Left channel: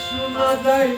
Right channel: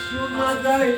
শোনা যায়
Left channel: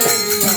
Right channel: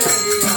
Thank you.